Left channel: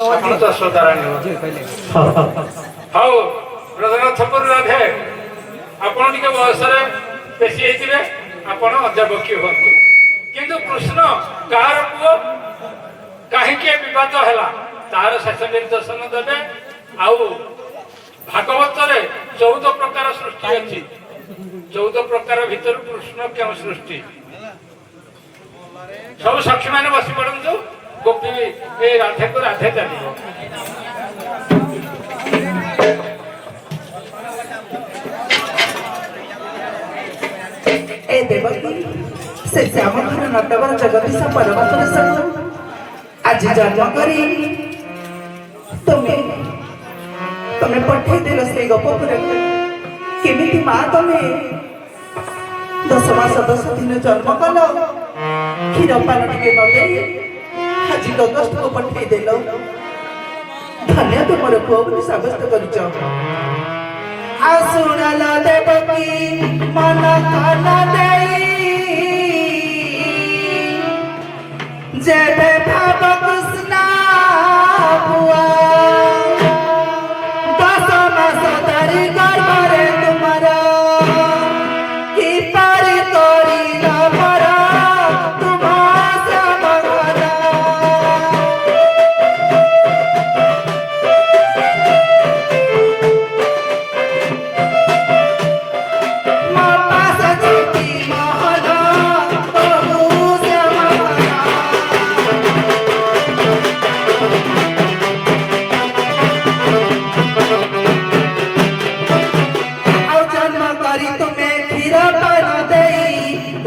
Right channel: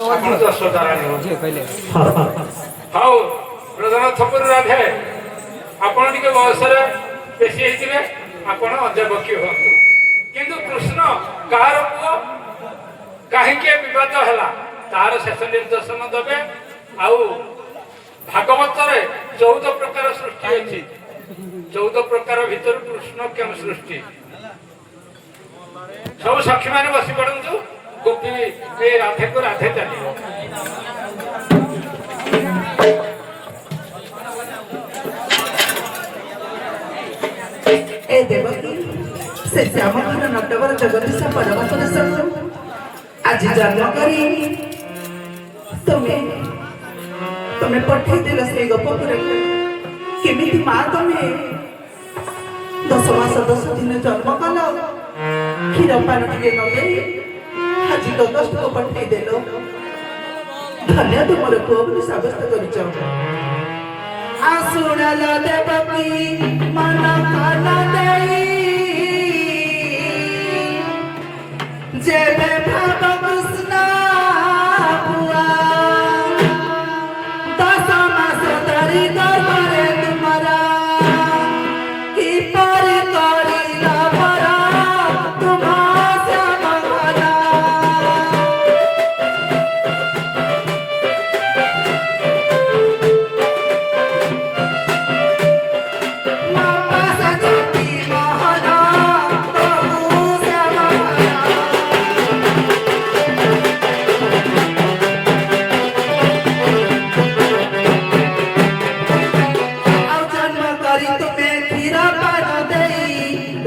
ଆପଣ ତ ଶ୍ରୋତାରାଣୀ ହଉ ରଘୁନାଥପୁର ରାଧେ ଆପଣ ଟିକେ ବୟସରେ ବେଶୀ ହେଇଥିବେ ଆପଣ ଅଧ୍ୟାପକ୍ଷୀ ହୁଅନ୍ତୁ କିନ୍ତୁ କୃଷ୍ଣ କାହାର ପୁଅ କାହିଁକି ବିବାଦ ହେଲା ତାର ଶେଷ ନିର୍ଦ୍ଦେଶନ ଦେବେ। ଆଉ ଭାଗବତରେ 14 ପ୍ରକାର ସୃଷ୍ଟି ଅଛି 14 ପ୍ରକାର ଭିତରୁ କୃଷ୍ଣ କେଉଁ ସୃଷ୍ଟି ସବୁ ସାକ୍ଷୀ ମାନେ ବସି ପଡନ୍ତୁ ଗୋପୀ ଏ ରାଧେକୁ ରାଧେ ଚାଲିବ। ए देवकी से श्यामघन नटवर जगदीश परमात्मा आज जन्म करी तुम्हें तुम्हें पठे देल से गोपपुर केमिति माँ तुम्हें 10 मास 10 दिन जन्म कल क्षीर पान टे नगे आज गगस्ट को पठे देल धन्य तुमर पुओ बोली साब्यस्त करिछ। आसुणल देवकी मन कन देई जेबे भाव कृष्ण पुआ 10 मास धरी गर्भरे तुमरा कि पारी करी भर तुम्हा श्याम घना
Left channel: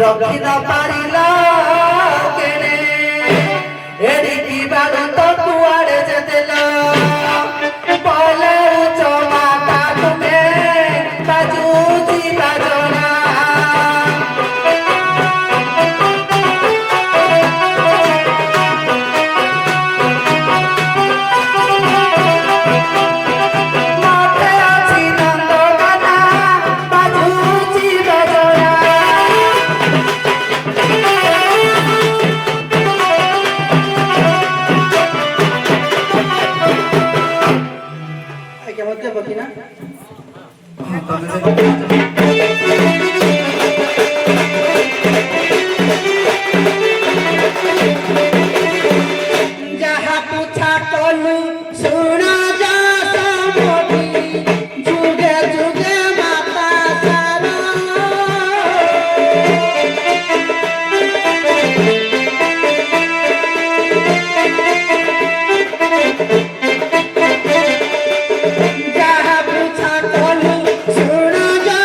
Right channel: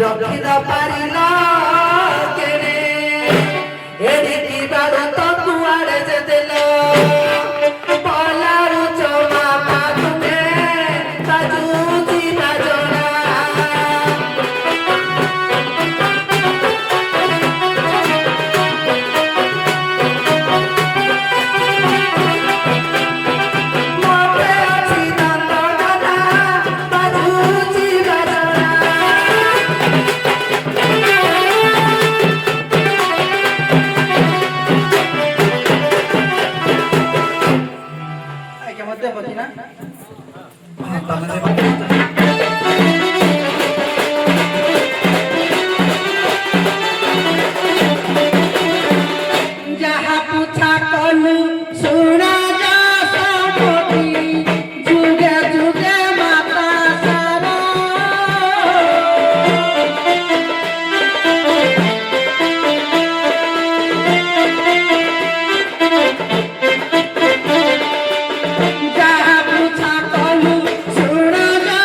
रखिन पारिला केरे एरिटी बारू तो कुआड़े जे देलो पलाउ चोमा पातुने बाजूजी बाजोना माथे अछि नंदना बाजूजी बाजोना जहाँ पूछा कलु सुन जा सबकी जुगे जुगे माता सारा जहाँ पूछा कलु सुन जा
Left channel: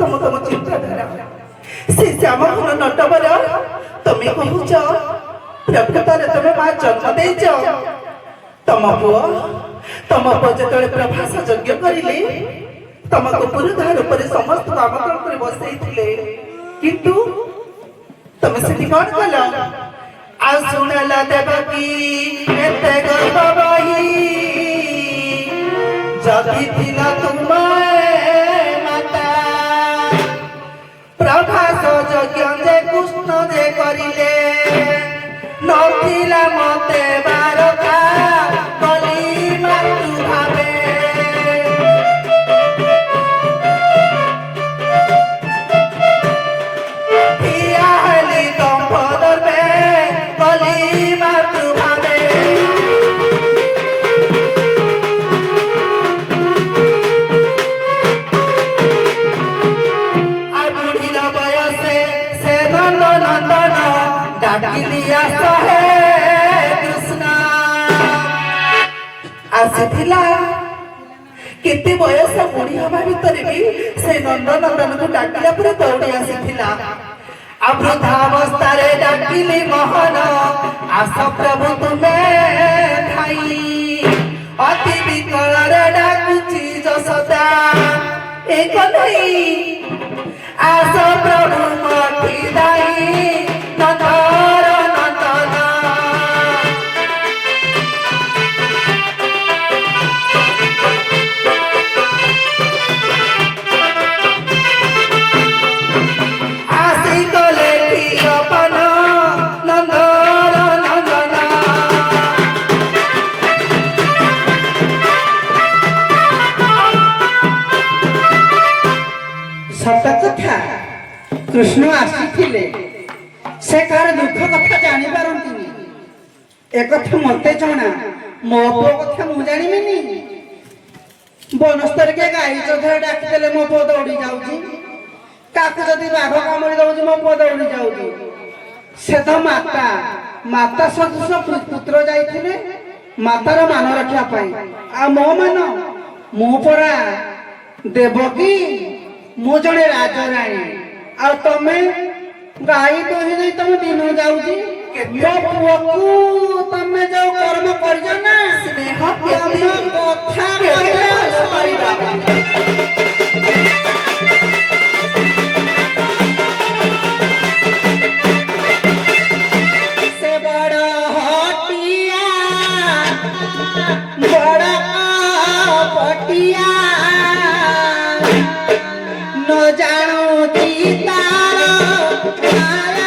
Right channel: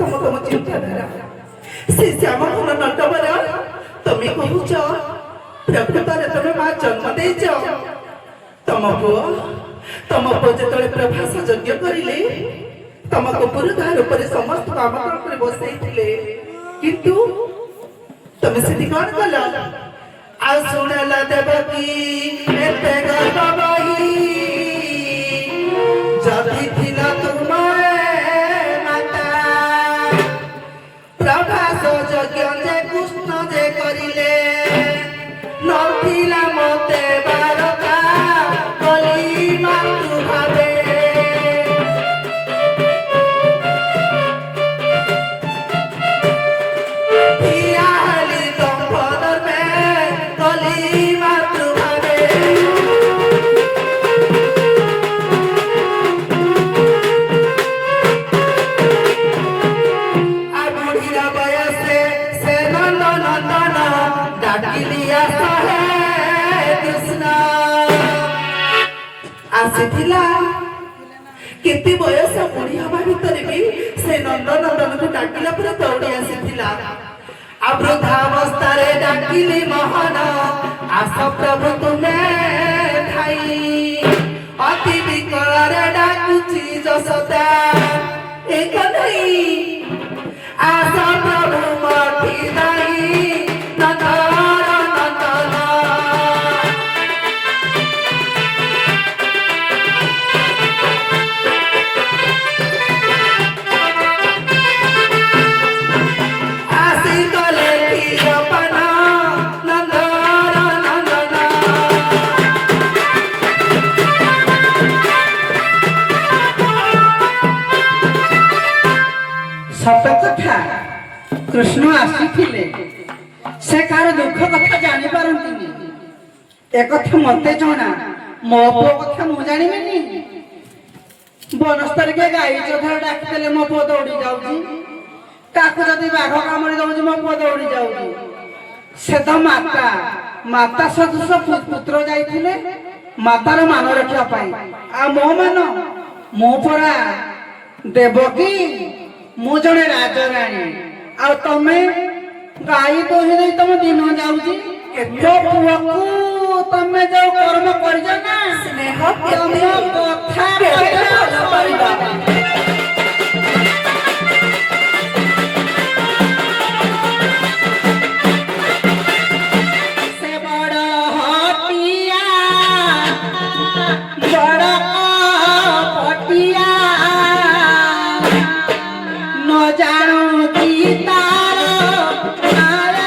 ତମ ତମ ଚିନ୍ତାଧାରା ସେ ଶ୍ୟାମ ଘନ ନଟବର ତମେ କହୁଛ ପ୍ରକୃତରେ ତମେ ମା ଜନ୍ମ ଦେଇଛ ତମ ପୁଅ ଯେତେବେଳେ ପ୍ରଭାସ ଯଜ୍ଞ କରିଲେ ତମକୁ ପୁରୁଧା ରୂପରେ ସମସ୍ତଙ୍କୁ ଆମନ୍ତ୍ରଣ କରି ବସେଇଥିଲେ କିନ୍ତୁ ତମେ ସେଠି କଣ କଲ ଆଉ ଶୁଣିଲ ଦେବକୀ ଏତେ ଗର୍ବ ବହି ଯଦି ଥିଲା ତୁମେ ମାତା ପ୍ରଭାସ ଯଜ୍ଞ ଯେ କୃଷ୍ଣ ଯେ କରିଲେ ନଥିଲା ମତେ ବାରକା କଲି ମାତୃ ଭାବେ ଠିଆ ହେଲି ଦମ୍ପଦରେ କଲି ମାତୃ ଭାବେ ଆଉ ବୁଢ଼ୀର ବୟସେ ସେ ନନ୍ଦ ନନ୍ଦନ ଡାକିଲି ଆସ ହେ କୃଷ୍ଣ ଆସିଥିଲା କେତେ ବୟସ ବୁଢ଼ୀ ହବା ଭିତରେ ବି ସେ ନନ୍ଦନନ୍ଦନକୁ ଡାକିଲା ପରେ ଦୌଡ଼ି ଆସିଥିଲା ଆଉ ବୃଦ୍ଧାବସ୍ଥାରେ ଡାକିଲି ମୋହନ ଆସ ପ୍ରଭୁ ତୁମେ ଧାଇ ଅତି ବିକଳରେ ଡାକୁଛି ଯଶୋଦା ଏ କହ୍ନେଇ ଆସ ପ୍ରଭୁ ମଠି ଦାଇ ନନ୍ଦର ନନ୍ଦନ আসি তলে কি অপন নন্দর নন্দন ସତ କଥା କୃଷ୍ଣ ଆସିଥିଲେ ସେ କାହାର ଦୁଃଖ କଥା ଜାଣିପାରନ୍ତିନି ଏକଥା ମତେ ଜଣା ମୋ ପୁଅ କଥା ମୁଁ ଜାଣିବିନି ବନସ୍ତରୀ କିଏ ଗାଈ ଚୋଧରେ ଡାକିଦେଲେ ମୋ ପୁଅ ଦୌଡ଼ି ଯାଉଛି କାକୁ ଯଦି ବାଘ କାମୁଡ଼ି ଦଉଛି ମୋ ପୁଅ ଦୌଡ଼ି ଯାଉଛି ସେ ତ ମାତା ସଦୃଶ ପୁତ୍ର ଯାଇଥିଲେ ମାତାର ମାନ ରଖିବା ପାଇଁ ଆଉ ମୋ ମାନ ମୁଁ ପରା ଦେବକୀ ମୁଁ ଜଣେ ରାଜରାଣୀ ଆଉ ତମେ ଗାଈ ଦୋହି ଦେଇ ତମ ଦିନ ଯାଉଛି ମୋ ପୁଅକୁ ତମେ ଯୋଉ କର୍ମ କରିଛ ନା ସ୍ନେହ ତମ କଥା କହିବା ସେ ବଡ଼ ହଟିଆ ବଡ଼ ପଟିଆ ନ ଜାଣୁଛି ତାର ମାୟା।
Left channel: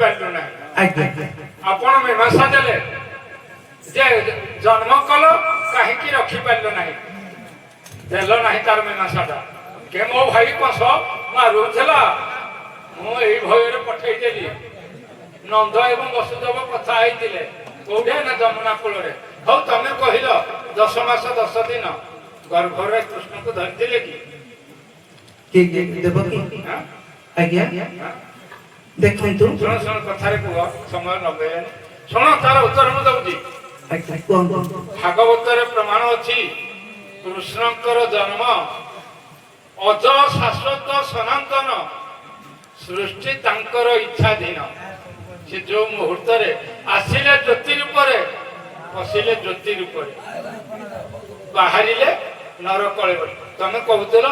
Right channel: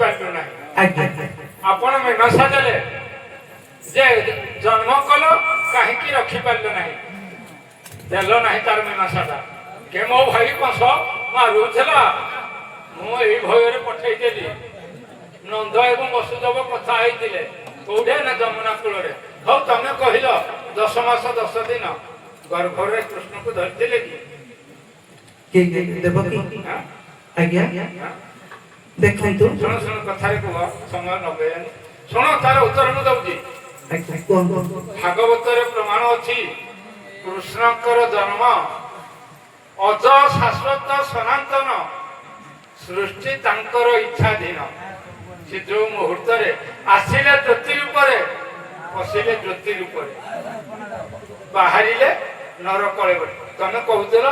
ରଖିପାରିଲୁ ନାହିଁ। ଆଜ୍ଞା ଆପଣ ମୀମାଂସା ଦେଲେ ଯେ ଜନ୍ମ କଲ କାହିଁକି ରଖିପାରିଲ ନାହିଁ, ଦେଲ ନାହିଁ ତାର ମୀମାଂସାଟା। କେ ମୋ ଭାଇ କଂସ ମାରୁଥିଲା, ମୁଁ ଏଇ ଭୟରେ ପଠେଇଦେଲି। ନନ୍ଦ ଏବଂ ବସୁଦେବ କଥା ହେଇଥିଲେ କୋଉଠି ନା ଯମୁନା କୂଳରେ। ହଉ ତମେ କହିଲ 10 ମାସ 10 ଦିନ ଗର୍ଭରେ କୃଷ୍ଣକୁ ଧରିଥିଲେ କି? ଦେବକୀ ହାଁ? ଆଜ୍ଞା ହାଁ? ଦେଖନ୍ତୁ ଶୁଣ ଶୁଣ କଥାରେ କୁହ, ସମୟ ନବେ। ଶୁଣ ତାର ଉତ୍ତର ମୁଁ ଦଉଛି। ଆଜ୍ଞା କୁହନ୍ତୁ। ଭାଗବତରେ ପ୍ରମାଣ ଅଛି କୃଷ୍ଣଙ୍କର ଜନ୍ମ ଅଜ ଶାଶ୍ୱତ ସନାତନ, ସୃଷ୍ଟି ତାଙ୍କର ଇଚ୍ଛାଧୀନ। ସେ ଯୋଉ ମୁହୂର୍ତ୍ତରେ ଆସିଲେ ଜ୍ୟୋତି ରୂପରେ, ପଶିଲେ ଜ୍ୟୋତି ରୂପରେ, ବାହାରିଲେ ନର କଳେବର। ତମେ କହୁଥିଲ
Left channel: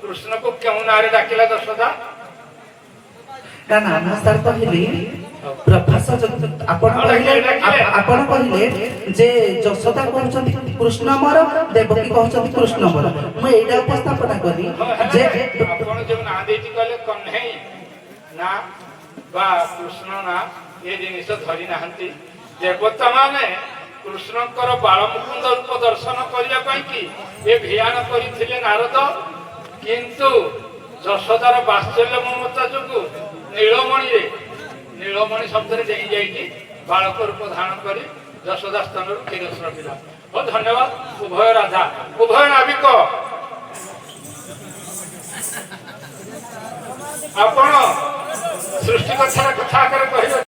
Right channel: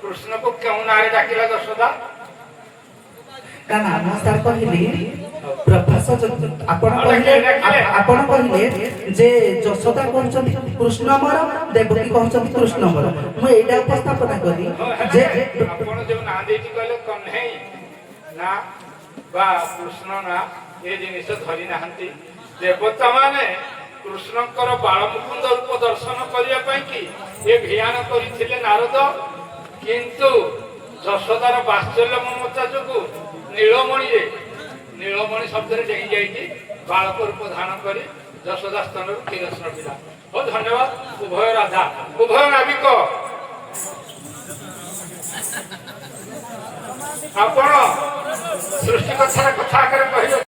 କୃଷ୍ଣକୁ କେଉଁ ନାଁରେ ଡାକିଲା ଯଶୋଦା? ନା ନା ମୁଁ ସାର୍ କହିଲି ପ୍ରଭାସ ଆପଣ କହିଲେ ଯେ ଯଶୋଦା କହୁଛନ୍ତି କୃଷ୍ଣ ମୋର, ଦେବକୀ କହୁଛନ୍ତି କୃଷ୍ଣ ମୋର। ମୁଁ ଏଇଟା ଉପସ୍ଥାପନ କଲି ଯେ ଆପଣ ଯୋଉ ନାଁ ଦେଇଛି କହିଲେ କହ୍ନେଇ ନା ବା କୃଷ୍ଣ ନା, ଏ ଜିନିଷ ଧରି ନାହାନ୍ତି। ଦେବତା ମାନେ କୃଷ୍ଣଙ୍କର ବାଳମୁକୁନ୍ଦ ରୂପ ଦର୍ଶନ କରିବା ପାଇଁ କି ଏ ଭିଆନ କରିଥିଲେ ନାରଦ, କିନ୍ତୁ ଯଶୋଦାର ବାତ୍ସଲ୍ୟ ମମତା ଯୋଗୁ ନୀଳମଣି ଶବ୍ଦରେ ଡେଇଁ ଯାଇକି ବାଳକ ରୂପ ଧାରଣ କରି ଯଶୋଦା ସ୍ଥାନରୁ କ୍ଷୀର ସ୍ରବିଲା। ହଉ ଧନ୍ୟବାଦ। ଉଭୟ ରାଧା, ଉଭୟ ନାବିକ, ଆପଣ ସୃଷ୍ଟି କଥା ଆକାରରେ କହିବେ।